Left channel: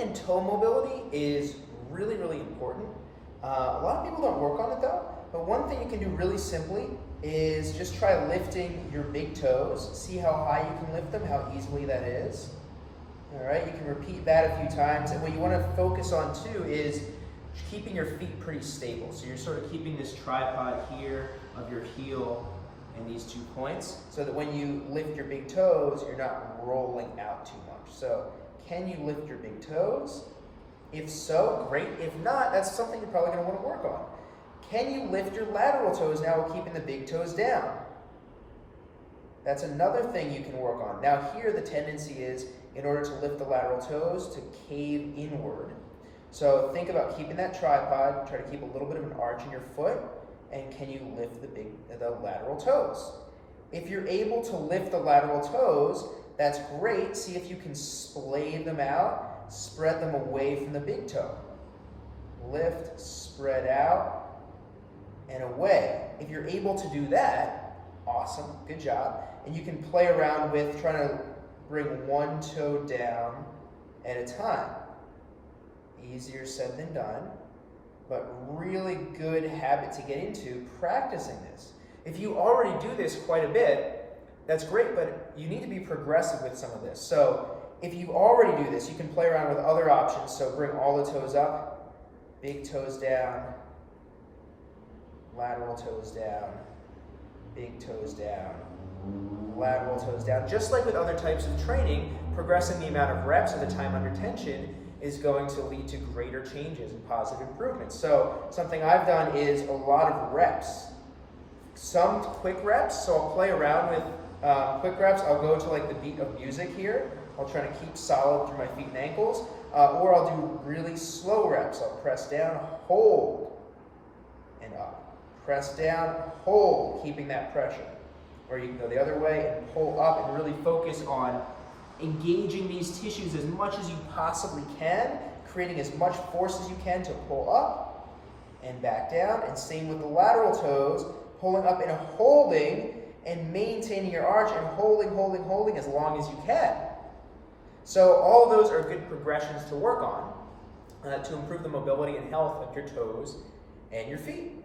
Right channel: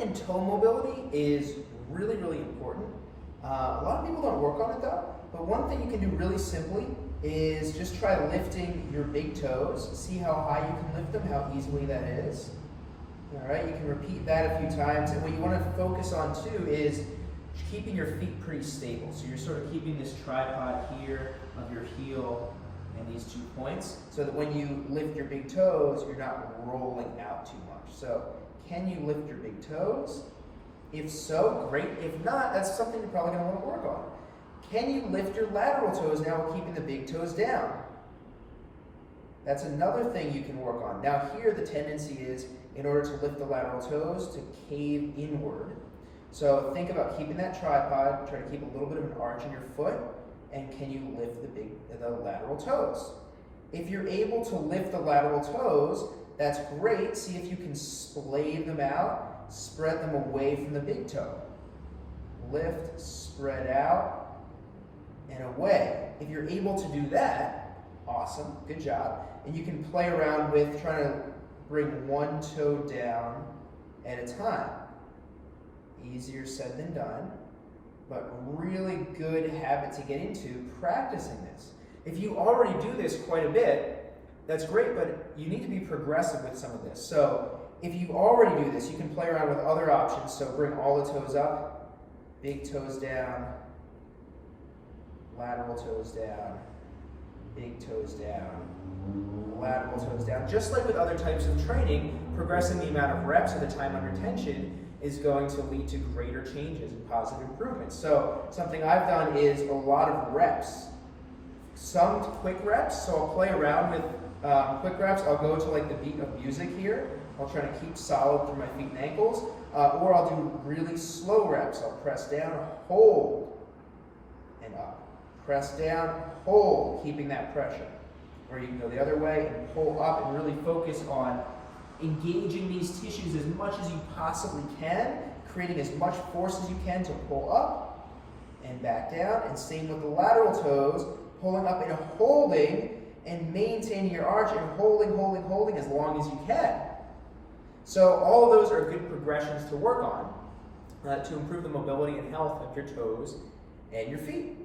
and toe mobility is really, really important. A lot of people don't work on it though, but one thing you can do really simply is just try lifting your big toes. See how high you can lift them, how easily that is. All right, you can repeat that a few times, and what you want to focus on too is keeping your feet pretty stable. So you're sort of keeping this tripod here of your heel and these 2 points, so that when you lift your big toes, you're not rolling out too much. So can you lift your big toes? If so, great. If not, that's something you're probably going to want to work on. Can you lift your lateral toes now while keeping the big toes down? That's another thing you can work on. Now here the tendency is, in order to lift the lateral toes, to cave inward. So think about keeping that tripod, try to keep a little bit of an arch in your foot, and can you lift the lateral toes? If you're able to lift the lateral toes, that's great. See if you can splay them out, spread them away from the big toe. Lift, spread out, and away. If you're able to do that, awesome, good job. And you can play around with trying to bring one toe down at a time. Easier said than done, but really good habit to get into, practicing this. If you already do this quite a bit, that's great, but you need to be progressive with some of this. So if you already do this, you can play around with other options. So bring all the toes up, big toes down, lateral toes down, big toes down, lateral toes down. Just like with other types of training, progressing the amount of reps or the time under tension is going to lead to greater changes and positive improvements. So something I've done is a lot of reps. Some quick reps, so I'll play around with quick reps. I'll go to like the beat of music here. I'll try to keep solid through my feet and ankles. Or I'll do really slow reps. I'll press down, hold, and up. Press down, hold, keeping that pressure. Or you can go the other way and pull up and really focus on engaging these tissues as much as you possibly can, creating as much force as you can to pull up and back down. And same with the lateral toes, pulling up and holding and maintaining your arch and holding as long as you can. So all of those are good progressions to work on to improve the mobility and health of your toes and your feet.